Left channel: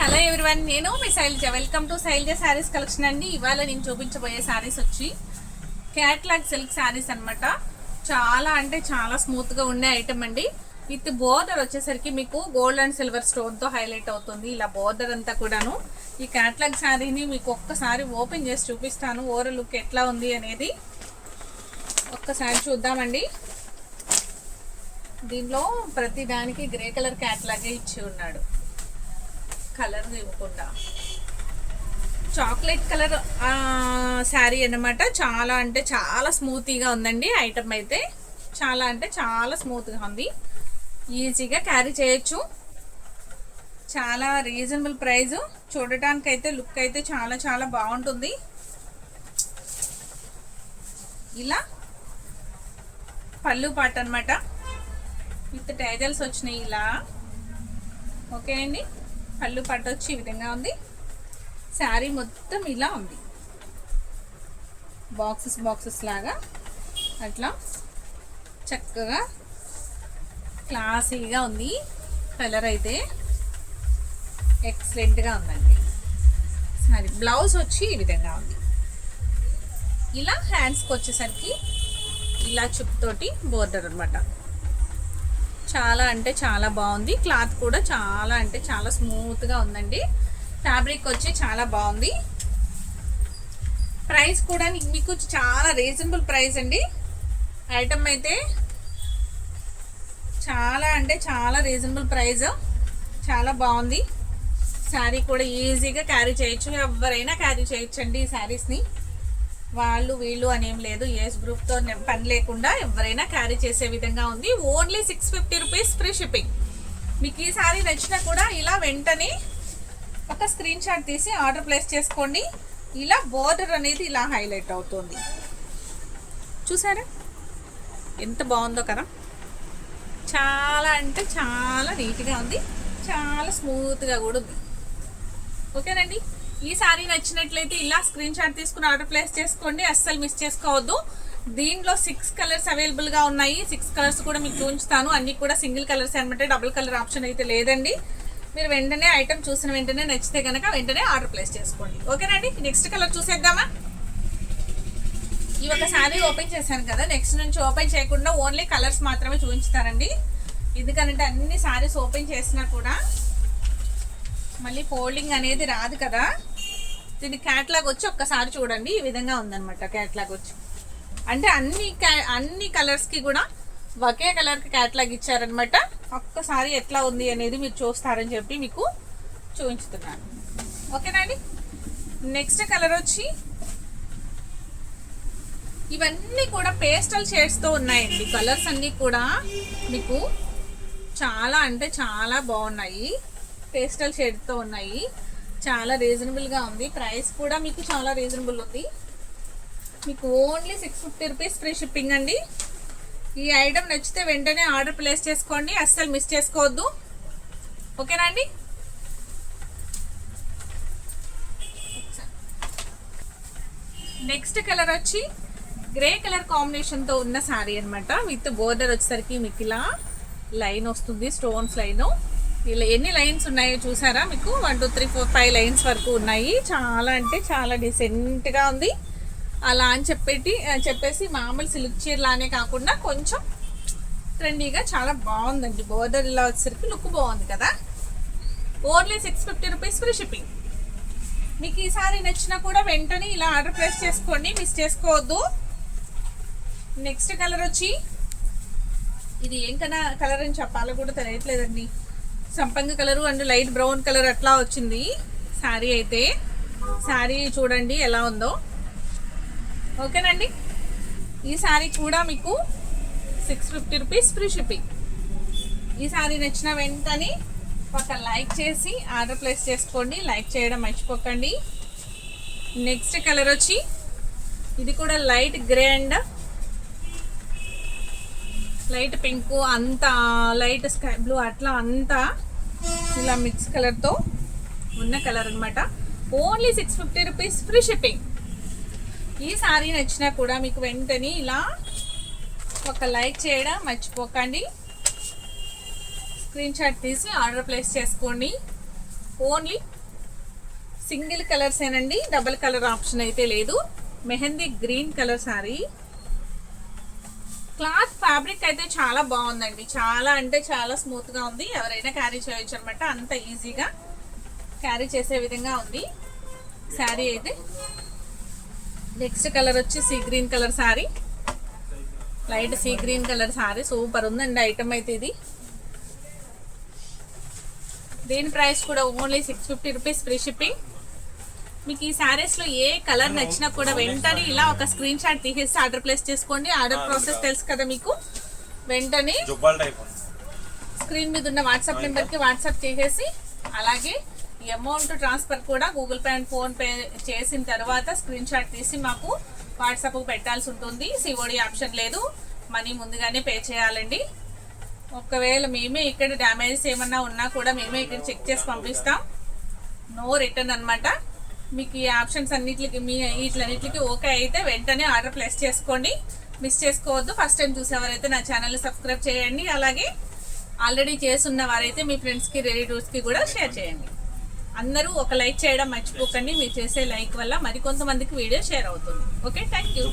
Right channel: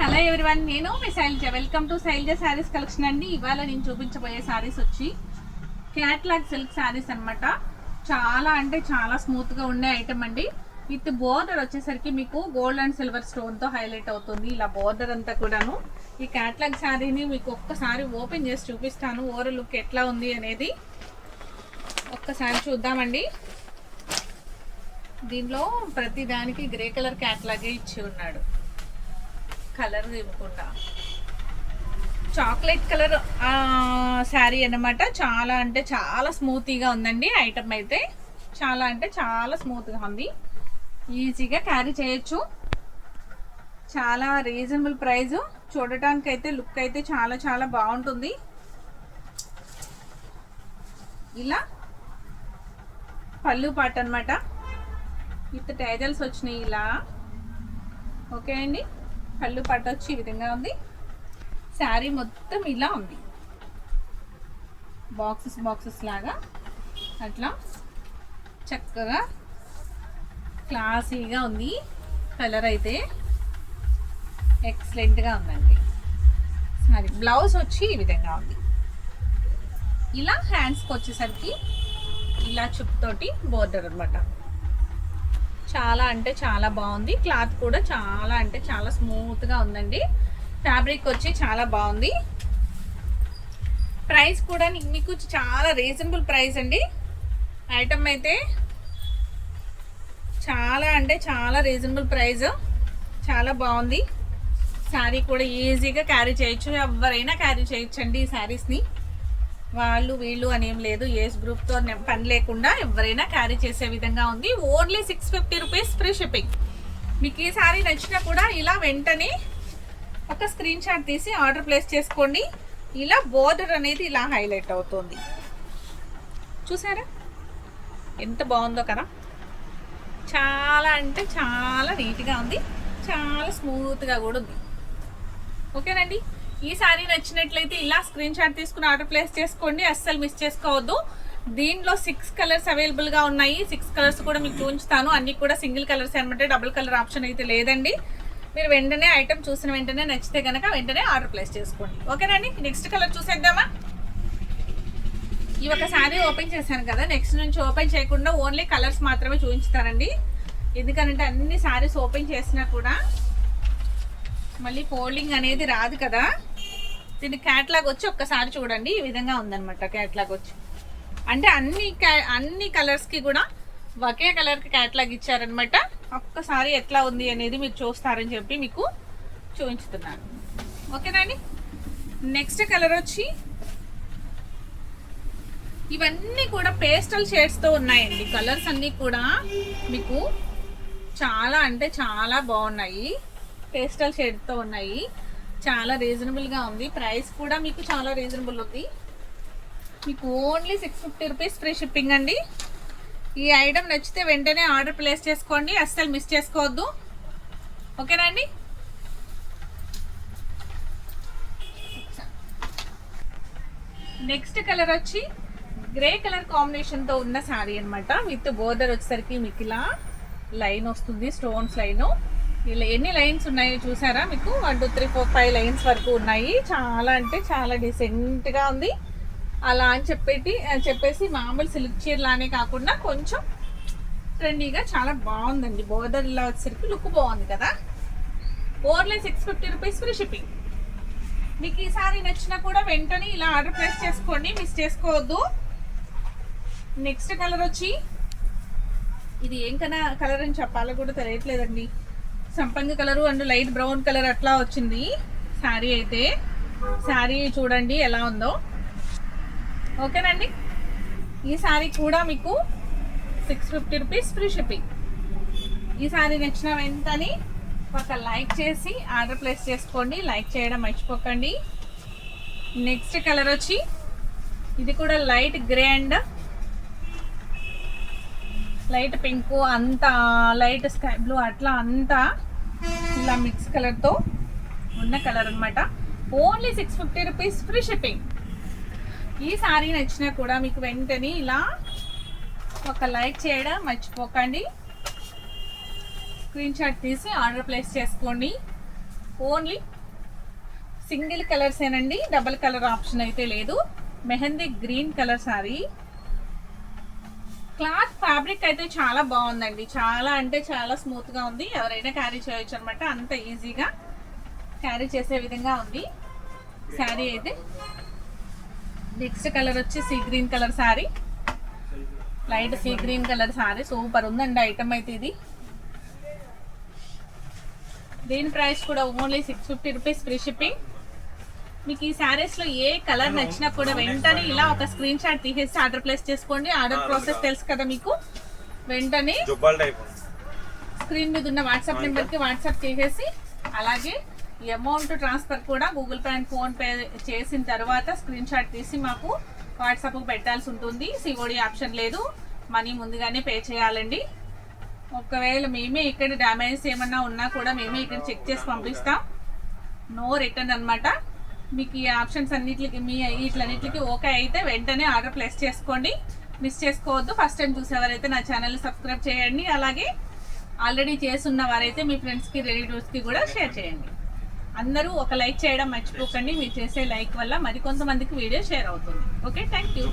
Hello everyone, నేను మీ Shailaja. Welcome to Shailaja sarees collection అండి. ఇవాళ నేను చూపించబోయే శారీస్ వచ్చి క్యాట్లాగ్ సిల్క్ శారీస్ అనమాట. చాలా అంటే చాలా స్మూత్గా ఉండే ఐటమ్ అండి. విత్ బోర్డర్ వచ్చేసరికి మీకు గోల్డ్ అండ్ సిల్వర్ స్టోన్తో హైలైట్ అవుతుంది. ఇలా బోర్డర్ అంతా కూడాను. ఈ క్యాట్లాగ్ శారీని మీకు ఒక్కసారి ఓపెన్ చేసి చూపిస్తాను. ఓవరాల్ లుక్ ఎట్లా ఉంది అనేది ఒక్కసారి చూద్దామండి. దీనిలో ప్రతి దానికి గ్రే కలర్ క్యాట్లాగే ఇచ్చి ఉన్నాడు. కలర్ ఇవ్వకుండా చాక్లెట్ కలర్ శారీ అన్నమాట. చాలా అంటే చాలా స్మూతీగా ఉందండి. ఐటమ్ అయితే చాలా అంటే చాలా స్మూత్గా ఉంది. ఈజీగా క్యారీ చేయొచ్చు. చాలా రీజనబుల్ ప్రైస్. చూడటానికి అయితే లుక్ అయితే చాలా చాలా బాగుంటుంది. ఇలా పళ్ళు పాట అనమాట. విత్ టైజల్స్ వచ్చినాయి ఇలా. ఓకే అండి, పళ్ళు పట్టు వచ్చి ఈ విధంగా ఉంది. శారీ మొత్తం ఇలా ఉంది, బాక్సెస్ లాగా అట్లా చక్కగా క్లాసీగా ఉంది. కలర్ అయితే ఎక్సలెంట్గా ఉందండి. శారీ బ్లౌజ్ వచ్చి ఈ విధంగా ఉంది. ఇలా హ్యాండ్స్కి వచ్చేసరికి ఇలా చుట్టోటి బోర్డర్ అనమాట. చాలా అంటే చాలా బాగుంది. క్లాత్ కూడా చాలా అంటే చాలా స్మూత్గా ఉందండి. ఫ్యాబ్రిక్ వచ్చి చాలా బాగుంది. ప్రైస్ కూడా మీకు చాలా రీజనబుల్ ప్రైస్ అండి. ఐటమ్ అయితే చాలా అంటే చాలా రీజనబుల్ ప్రైస్. చాలా బాగుంది. శారీ కూడా ఈజీగా క్యారీ చేయొచ్చు. ఎవరైనా క్యారీ చేయొచ్చండి ఈ శారీస్ని. వాళ్ళు వీళ్ళు అనేం లేదు. ఏజ్ గ్రూప్తో పని లేకుండా ఎవరైనా క్యారీ చేసే విధంగా ఉంది. Only 650 rupees free shipping. మీకు ఈ శారీ నచ్చినా కూడా ఇలా వెంటనే ఒక స్క్రీన్ షాట్ తీసి ఆర్డర్ ప్లేస్ చేసుకోండి. ఇలా బోర్డర్ అనేది ఇలా హైలైట్ అవుతుంది. చూసారా ఎంత బాగుందో కదా. చాలా అంటే చాలా నీట్గా ఉంది. చాలా స్మూత్గా కూడా ఉంది. ఓకేనండి, ఈ శారీ నచ్చినట్లయితే ఇలా స్క్రీన్ షాట్ తీసుకుని ఆర్డర్ ప్లేస్ చేసుకోండి. అస్సలు మిస్ చేసుకోవద్దు. దీనిలో 6 కలర్స్ అవైలబుల్గా ఉన్నాయి. 6 కలర్స్ కూడా మీకు చూపించుతాను. అన్ని కూడా సింగిల్ కలర్స్ అనమాట. డబుల్ కలర్ ఆప్షన్ అయితే లేదండి. మీరు వెంటనే ఐటమ్ చూసిన వెంటనే నచ్చితే కనుక వెంటనే ఆర్డర్ ప్లేస్ చేసుకోండి. ఓకేనండి, నెక్స్ట్ కలర్ చూసేద్దామా. ఈ ఒక శారీ ఓపెన్ చేశాను కదా, నెక్స్ట్ నుంచి ఓపెన్ చేయకుండా ఓన్లీ కలర్స్ మాత్రమే చూపించుతానండి. ఎందుకంటే అన్ని శారీస్ ఓపెన్ చేసినా కూడా మళ్ళీ ఫోల్డింగ్ అనేది రాదు కదా. దీని క్యాట్లాగ్ వచ్చి ఒక్కసారి చూడండి. ఈ విధంగా ఉందన్నమాట క్యాట్లాగ్ వచ్చి. అంటే అన్ని కలర్స్కి కూడా ఒకే కలర్కి క్యాట్లాగ్ ఇచ్చారనమాట. ఒక్కసారి ఎట్లా ఉంది అనేది మీరు చూస్తారని చెప్పి మీకు చూపించుతున్నాను. ఓకేనండి, నెక్స్ట్ కలర్ వచ్చి ఇవన్నీ కూడా పేస్టల్ షేడ్స్తో ఉన్నాయండి. కలర్స్ అన్నీ కూడా మీకు చాలా అంటే చాలా బాగున్నాయి. పేస్టల్ షేడ్తో ఉన్నాయి. చాలా రీజనబుల్గా ఉంది. ప్రైస్ కూడా మీకు చాలా రీజనబుల్ ఉంది. మీకు ఓన్లీ 650 రూపీస్ ఫ్రీ షిప్పింగ్ అండి. ఈ ఐటమ్ నచ్చితే వెంటనే ఆర్డర్ ప్లేస్ చేసుకోండి. అస్సలు మిస్ చేసుకోవద్దు. ఓకేనా అండి. నెక్స్ట్ కలర్ వచ్చి గ్రే కలర్ కాంబినేషన్తో ఉన్న శారీ అనమాట. విత్ బోర్డర్ వచ్చేసరికి మీకు ఇలా లైన్ వస్తుంది, స్టోన్స్ లైన్. ఇలా ఎన్ని లైన్స్ ఉన్నాయో చూసారా. మీకు 1 2 3 4 5 లైన్స్ వరకు ఉన్నాయి. చాలా అంటే చాలా డీసెంట్గా ఉంది. అలా అని చెప్పేసి మామూలు సిల్క్ చీరలానే కాకుండా కొంచెం ట్రెండీగా చాలా బాగుందండి. బోర్డర్ ఇలా వచ్చేసరికి లుక్ బాగుంది కదా. Only 650 rupees free shipping. మీకు ఈ సారీ నచ్చినా కూడా వెంటనే ఇలా ఆర్డర్ ప్లేస్ చేసుకోండి. మిస్ చేసుకోవద్దు. నెక్స్ట్ కలర్ వచ్చి ఇది ఏం కలర్ అని చెప్పాలో కూడా తెలియట్లేదండి. సంపంగి colour and light brown colour అట్లా వచ్చింది శారీ అయితే. శారీ చూడండి ఎలా ఉందో. ఓకేనండి, ఈ శారీ కూడా మీకు 650 రూపీస్ ఫ్రీ షిప్పింగ్. ఈ శారీ నచ్చిన వెంటనే ఒక లైక్ చేసి ఆర్డర్ ప్లేస్ చేసుకోండి. లైక్ చేయడం మర్చిపోకండి. నెక్స్ట్ కలర్ వచ్చి ఇది కూడా light grey and light pink, అంతా లైట్ స్కై బ్లూ అట్లా అంతా ఇలా మిక్స్ కలర్తో ఉన్న కలర్ అనమాట. Only 650 rupees free shipping. ఈ శారీ నచ్చినా కూడా మీకు వెంటనే ఇలా ఒక లైక్ చేయడం మర్చిపోకండి. స్క్రీన్ షాట్ తీసి ఆర్డర్ ప్లేస్ చేసుకోండి. ఓన్లీ సింగిల్ కలర్స్ ఏనండి, డబల్ కలర్ ఆప్షన్ అయితే లేదు. Mehndi green colour sorry. Cloth fabric అయితే చాలా బాగుందండి, చాలా అంటే చాలా స్మూత్గా ఉంది. ఎవరైనా క్యారీ చేయొచ్చు అనమాట, అంత ఈజీగా క్యారీ చేసే విధంగా ఉంది శారీ అయితే. నెక్స్ట్ కలర్ వచ్చి sea green colour sari, light sea green colour sari. Super ఉందండి ఐటమ్ అయితే ఇది. దీని ప్రైస్ కూడా ఓన్లీ 650 రూపీస్ ఫ్రీ షిప్పింగ్. మీకు ఈ శారీస్లో ఏ కలర్ నచ్చినా కూడా వెంటనే ఇలా ఒక స్క్రీన్ షాట్ తీసేసి ఆర్డర్ ప్లేస్ చేసుకోండి. ఆర్డర్ ప్రాసెస్ తెలుసు కదా మీకు. వెంటనే స్క్రీన్ మీద ఉన్న వాట్సాప్ నెంబర్కి వాట్సాప్ చేసేసి, అలాగే ఈ అమౌంట్ ట్రాన్స్ఫర్ కూడా గూగుల్ పే అండ్ ఫోన్పే చేసిన తర్వాత స్క్రీన్ షాట్ తీసి మాకు వాట్సాప్కి పెట్టాల్సి ఉంటుంది. సిఓడి ఆప్షన్ లేదు, మనీ ముందుగానే పే చేయాలండి. ఒకవేళ మేమే ఇక్కడ డ్యామేజెస్ ఏమన్నా ఉన్నా కూడా మేమే ఇక్కడ చెక్ చేసి పంపిస్తాం. నో రిటర్న్ అనమాట. మీకు ఈ ఆప్షన్స్ అన్నిటికి వీటిలన్నిటికి ఓకే అయితే వెంటనే ఆర్డర్ ప్లేస్ చేసుకోండి, మిస్ చేసుకోవద్దు. ఫస్ట్ టైం చూసేవారైతే నా ఛానల్ని సబ్స్క్రైబ్ చేయండి. అలాగే ఆల్రెడీ చేస్తున్న వారైతే మీ ఫ్రెండ్స్కి రిలేటివ్స్కి కూడా షేర్ చేయండి. అందరూ ఒక లైక్ చేయడం మర్చిపోకండి. మీరు చేసే లైక్ వల్ల మరికొంతమందికి వీడియో షేర్ అవుతుంది. Okay, thank you.